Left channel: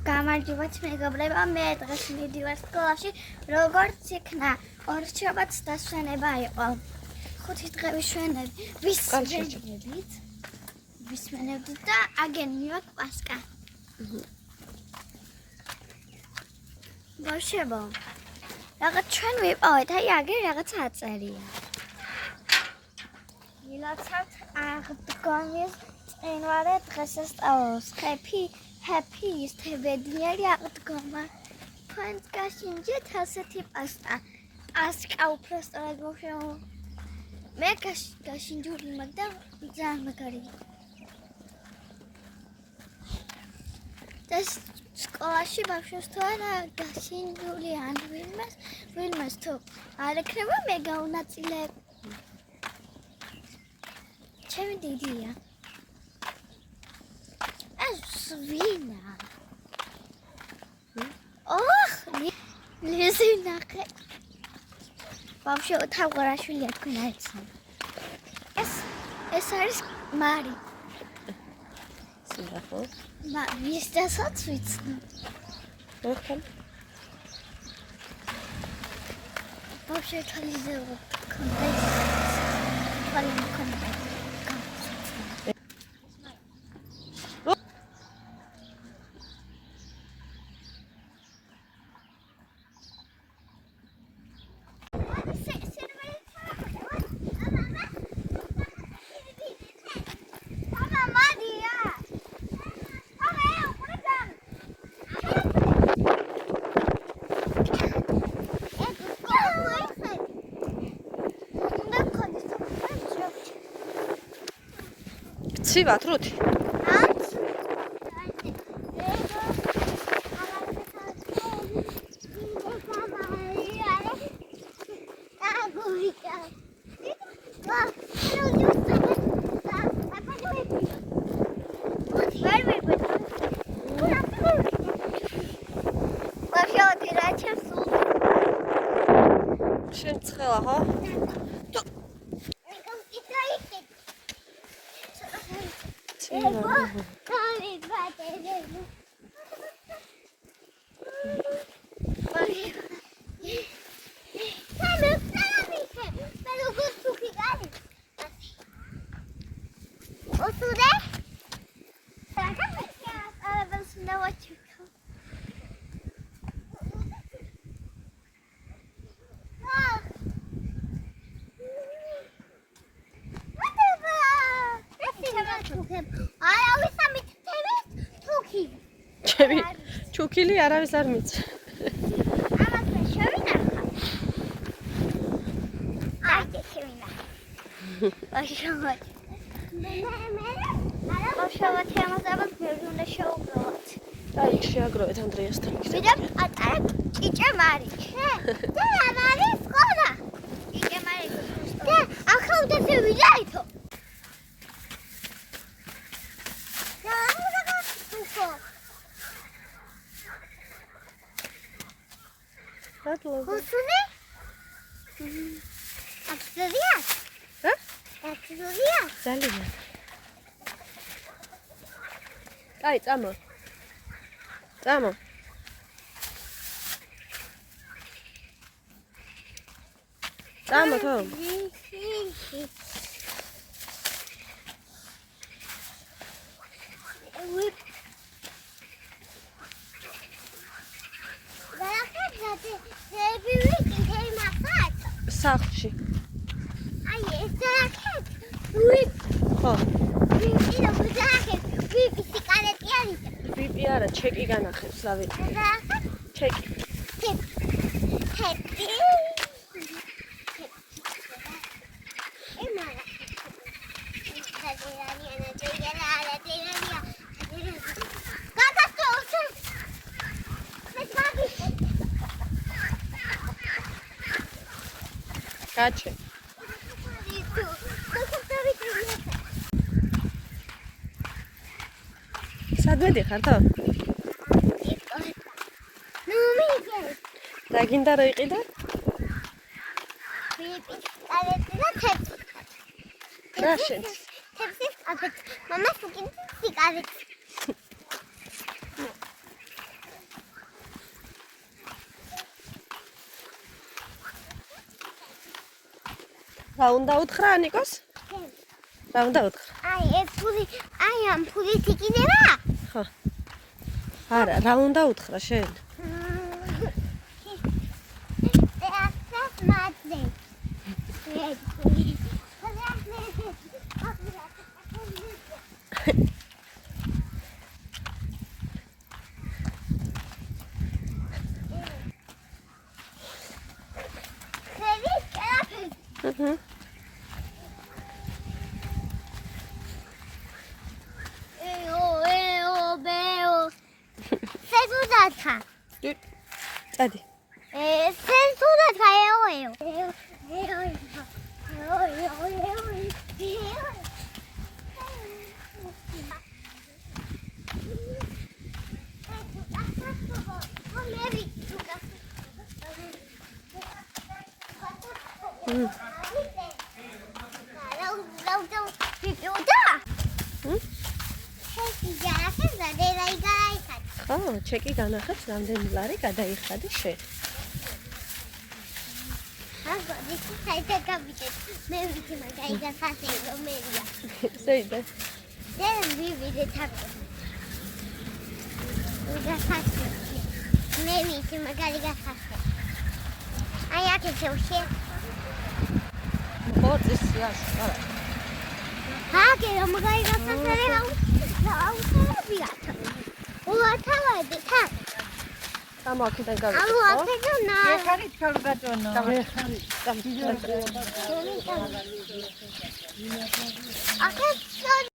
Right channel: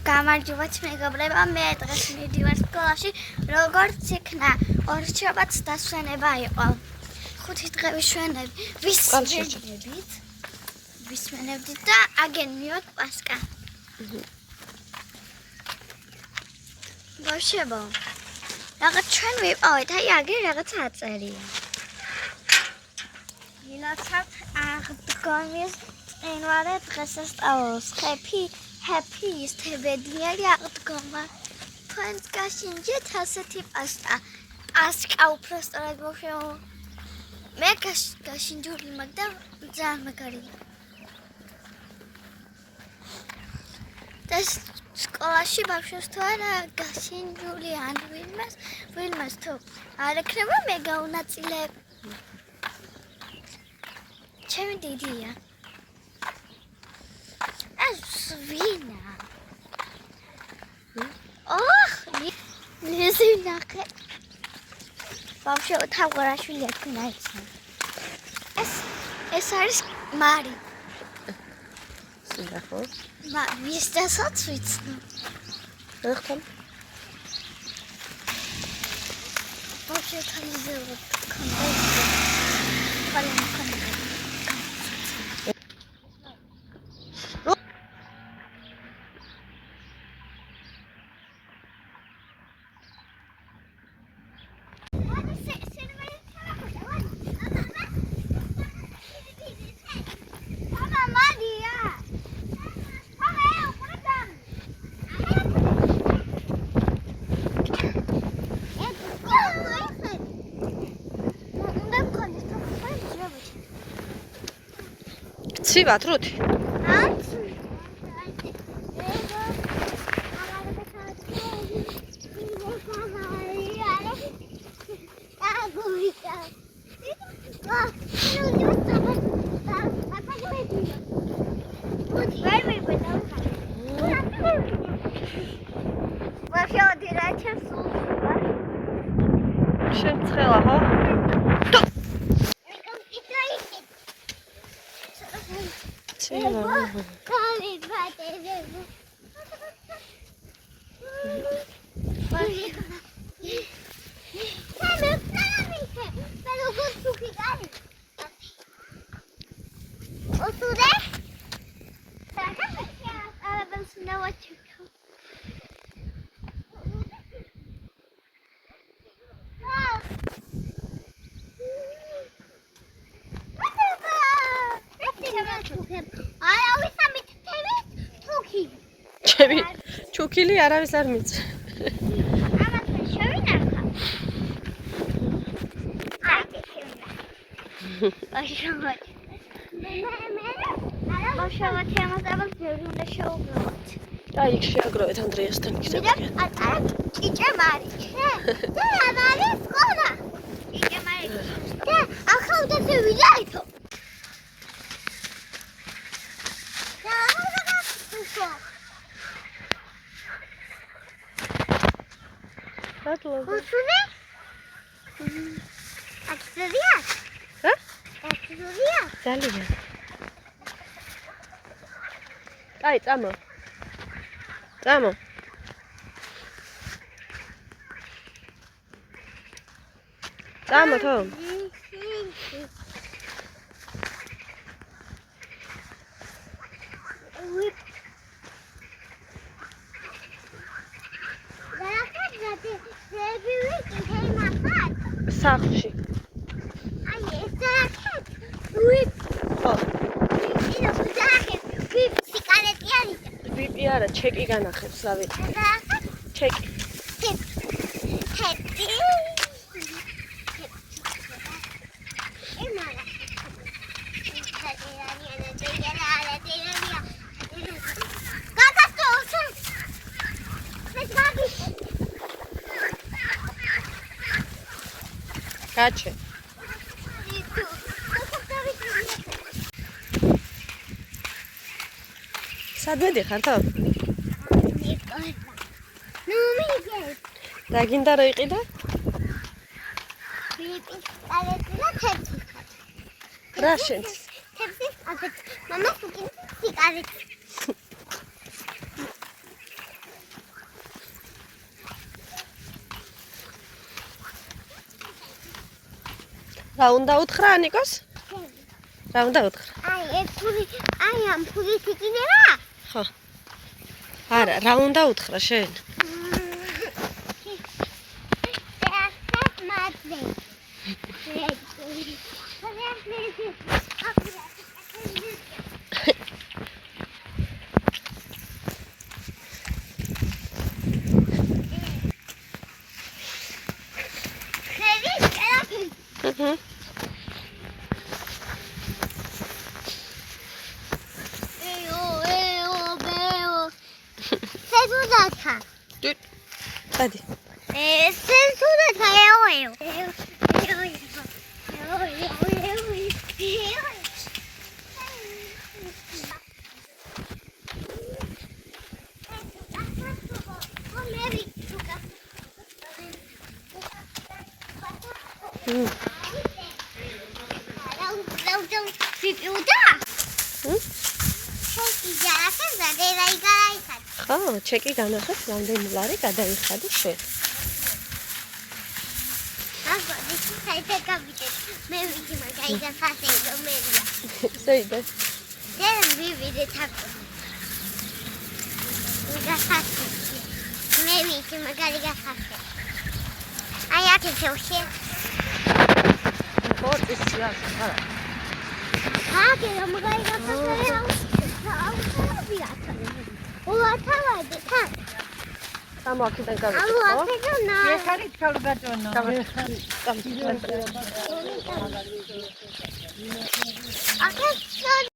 გამარჯობათ მეგობრებო, მე დღეს მივდივარ სკოლაში, როგორც იქნა ორჩობაც დასვენება იყო. 5 დღე ვისმენებდით და აგენ მივაქ პასკა. ბავშვებო, რაღაც ჩვენ ვიყავით, აი აგერ რაღაც აწერია. ვილოცავთ აღდგომის წინვარე დღესასწაულს. Happy is თებედნიერი აღდგომა. თქვენს გაშინჯეთ ასეთი პასკა. პასკა უბრალოდ ბავშვებო. მე გაშინჯული მაგ და ძალიან მაგარი. და სკოლაში ბავშვებს თუ არა გაშინჯული ან ვინმეს თუ არ ექნება მე გაუნაწილებ. ჩემი დიდია. Svina. Svina. Вообще вот так хорошо летается. Es არის Mari. Синахо. Ма, везде соцвицно. Ეხთან. Вообще там делают композицию. Композицию. ცივად რუთი? შენ ცხელა ხო? ჩუქილი არავის არ მიწევს. აი, იქ შეაგროვეთ ანდრეასთან იქნება. ჭიჭე მარი. და მარი სკოლა. ჭიჭე მარი. და ახლა შევიდაითო. Husune? Aktivia? Hä? Aktivia? ძალიან. აი, წამო. წამო. წამო თო. სახლში. აი, ეს დაახეთ. უი. ხო. ის დაახეთ. ვიპი კალეტი არის. ვიპი არა, ჩეკი განახებს, რავი. დაახეთ. ჩეკი. ჩეკი. ემარა. Gotcha. სადმე დიხარ თო? ნუ მიიგე. და გინდა რომ იყიდე? ვიპი კალეტი და ჩეკი. რა შენ? ჩეკი, აბეთ. მამა სუკინი სიკარეტი. რა უნდა უთხრა ანიკოს? რა უნდა უთხრა? აი ამ ფულით იყიდება? ხო. არა, რა უნდა უთხრა შენ? Mhm. Hadi. ხო, ჩეკი განახეთ, რამდენი ლარი გადაიხადი შენ. მე ვიცი მაგარი გასასე რომელია. ზეიდე. დენ ვივიდე თაკო. გასასე. მე ვიცი მაგარი გასასე. აი აქ შევშე. ბორცის წინა, არა. ჰაგე მაგარი გასასე. აუცილებლია. უათავად თა. ამ აქედან გავიქცე, ხო? აუცილებლია. ეხარით ქალგაჭენო. აქ